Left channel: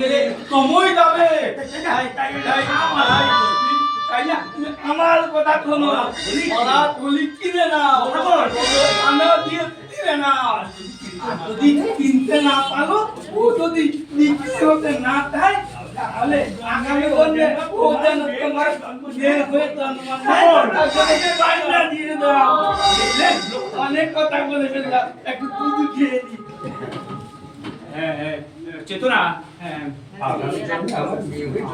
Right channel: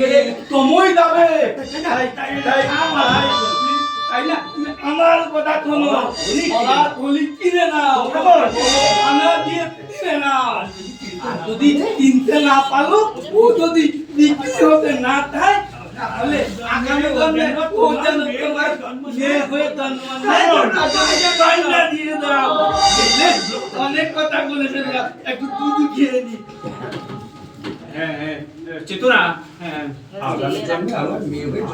যাবে? তাই আমার না? আমার কথা শোনো। ওরা তুলি কিনে না। আনা দিয়ে কিনে না। যদি কিনতে না পারো ও যদি বিক্রি হতে না চায় তাহলে আগামী জন্মে ও যেন তোমার মেয়ে হয়ে জন্মানো তাকে দিয়ে দাও অনেক কথা বলেছে একটু দুধ খেয়ে নি। চেতনা হ্যাঁ। হয়ে বিয়ে হয়ে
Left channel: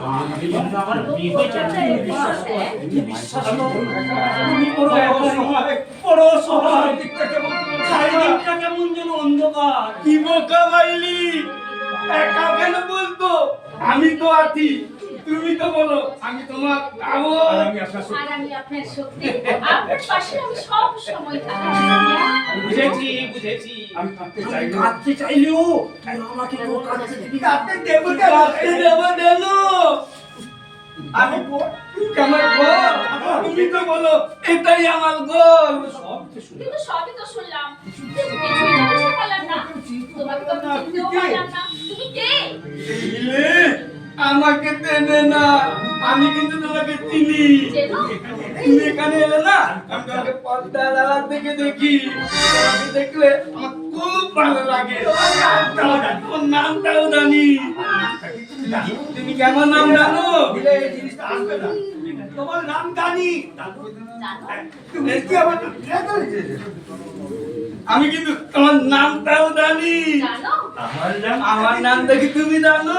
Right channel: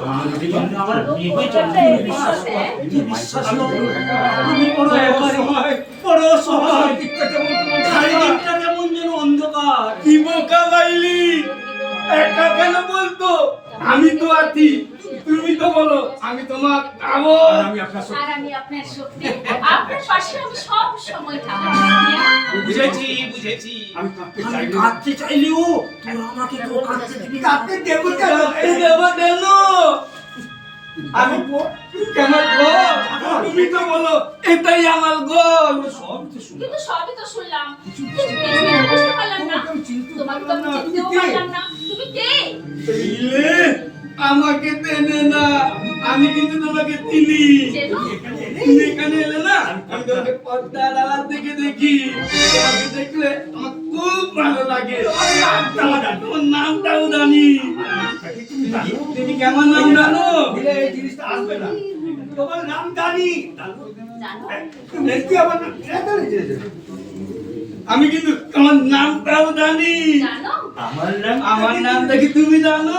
কেমন যেন অন্ধকার। কি বোকা বাইলি একা কেন বলতো? আমি তো আছি। তুমি তো বলো আমি তোমার আমি আপনার আর আমি আপনার শক্তি। আপনার পাশে আমি সব সময় থাকব বুঝেছি বুঝেছি। আমি কাঁদতে চাইলেও কাঁদতে চাইলেও তুই আমাকে কেউ কাঁদতে দিবি। কাপে দেব কাপে দেব আমি গোল তুমি তো বলো এটাই আমার গোল। সব তো শুনে কিন্তু সবই তো শুনলাম। কিন্তু কিছুই বুঝতে পারলাম না। তোমাকে তো আমি পারলাম না। তুমি কে? আমাকে তেনে না আমি কিন্তু তোমাকে চিনি। তুমি এখানে এলে না আমি তোমাকে পর্দার আড়াল থেকে দেখি। তোমাকে দেখলে আমার খুব ভালো লাগে। তোমার নামটাও জানি। তুমি কেমন নাম জানো? এই জিনিসটা আসবে না। তোমার জানি। নাম জানি আমি কিন্তু তোমার নামটাও জানি। আমার নাম আমার নাম দেখি তুমি জানো।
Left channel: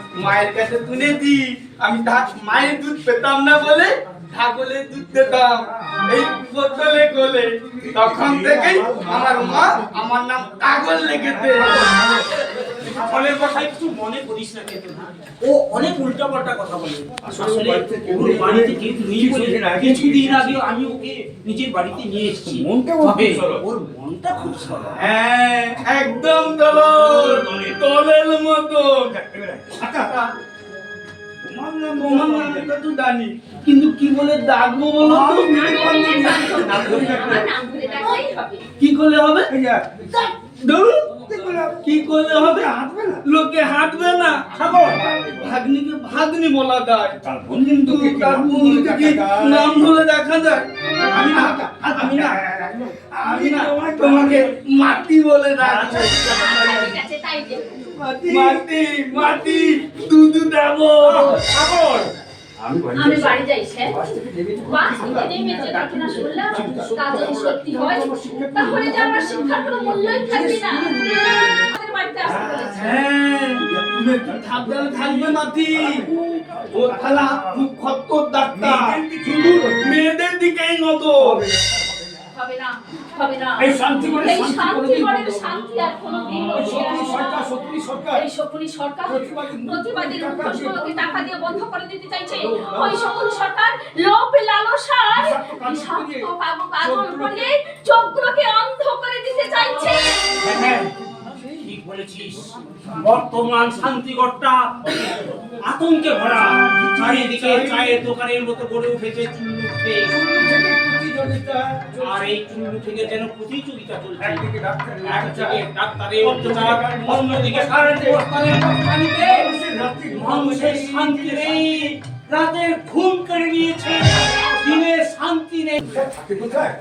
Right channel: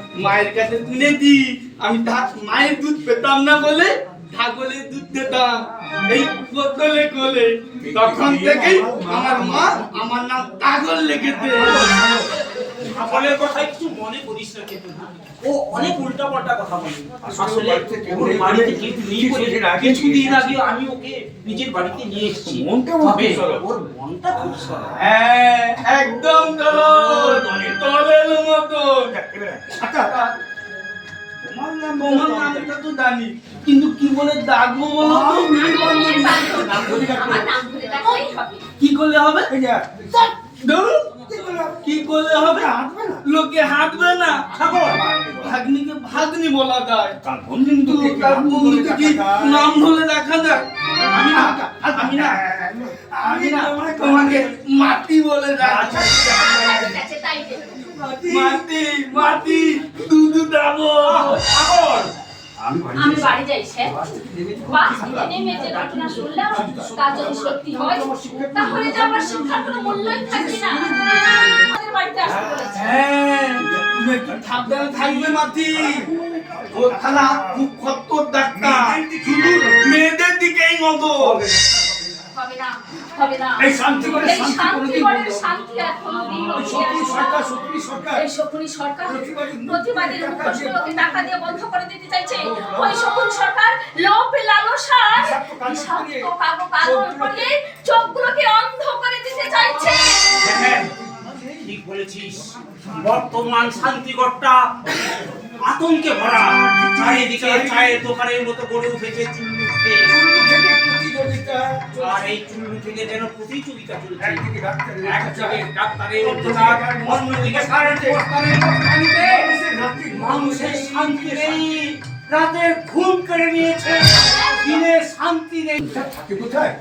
মায়ের কাছে তুলে শুনেছি আমি মায়ের দুধ পেতাম না বলে ছাগলের দুধ পেতাম। এই বোতলে কোলে তখন থেকেই আমার মা আমার নাম কাগল লেগেছে। সকলের কথা একটু মনে করিস না কিন্তু ও অনেক উল্টা পাল্টা কথা বলে। আসলে ওর বাড়িতে কেউ নেই। কিছুদিন আগে আমি ওকে নিজের বাড়িতে নিয়ে এসেছি। মনটা ওর খুব সরল। ওর মনটা খুব সরল। হ্যাঁ একদম দল দলের মতো আচ্ছা তোমার নাম তোমার নামটা তো জানি কিন্তু কি বলে ডাকবো বলো তো? কি করলে হবে? কি করলে হবে? হাঁটবে না লোকে হাঁটবে না। ভাগ্নিকে ভাগ্নি বলা যায়। কাল বন্ধু কিন্তু তার বন্ধুকে নাম ধরে দেখা যায়? আমি না আমি না আমি না তোমাকে মাটি বলে ডাকবো ঠিক আছে তাই দেখো মাটি মাটি দুধু দেবো। আমি আমি বাড়ি যাই স্যার বাস থেকে নেমে বাস থেকে নেমে যে ঘটনা শুনলাম তা যদি সত্যি হয় তাহলে আমার শিক্ষার কোনো মূল্যই থাকবে না। সাবধানে থাকবে মাটি। ও খালা খুব খত্তর ডাক্তার। শুধু মেয়েদের দিকেই নজর। হবে না হবে না। এই শান্তি করে শান্তি করে। শান্তি আর কোনোদিন সরকার না। সরকার এই শকুনি সরকার প্রতিবাদীর মুখোশগুলোকে টাকা দিয়ে বন্ধ করে দিতে চাইছে। ওই শকুনি সরকার লোভ লালসার বিষাক্ত কাজল করিয়ে, বিষাক্ত কাগজ কাগজ চোখগুলোকে- চোখগুলোকে অন্ধ করে দিতে বলেছিস? বর্তমান শান্তিগড়টা আতঙ্কে ভরা। চারিদিকে চায়ের দোকানের মতো গড়ে উঠেছে চুল্লুতে আর এই চুল্লু থেকে যেন প্রতিযোগিতা চলছে। মানুষের শান্তি নেই, রাতের ঘুম কেড়ে নিয়েছে, দিনের শান্তি নেই। কোথায়?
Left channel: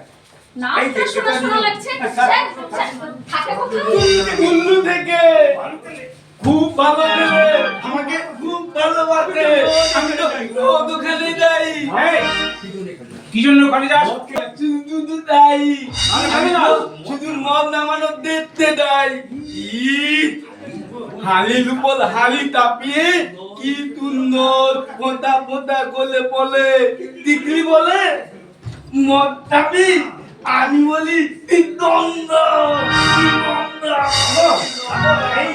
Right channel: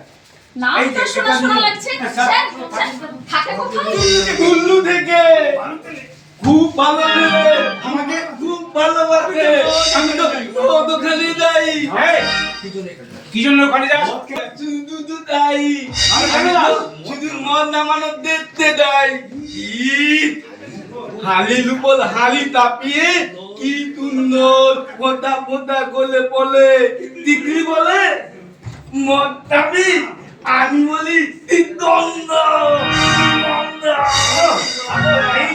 নামটা শোনা শোনা লাগছে। স্যার, স্যার, থাকে কোথায় কুল্লু থেকে। খুব ভালো দেবে আমাকে খুব ভালোবাসে। আমি তো ও যাই কি জন্য ওখানে যাস? শুধু তো তাই আমি আমি কেন যাব? শুধু মদ নামানো দেখতে যাই ঈদ হালি লুপল হালি তাপিয়ে কি সুন্দর ফোঁটা ফোঁটা গলে বলে টিকলি বলে মদ তাপি আমি বলি দ্বন্দ্ব দ্বন্দ্ব না এই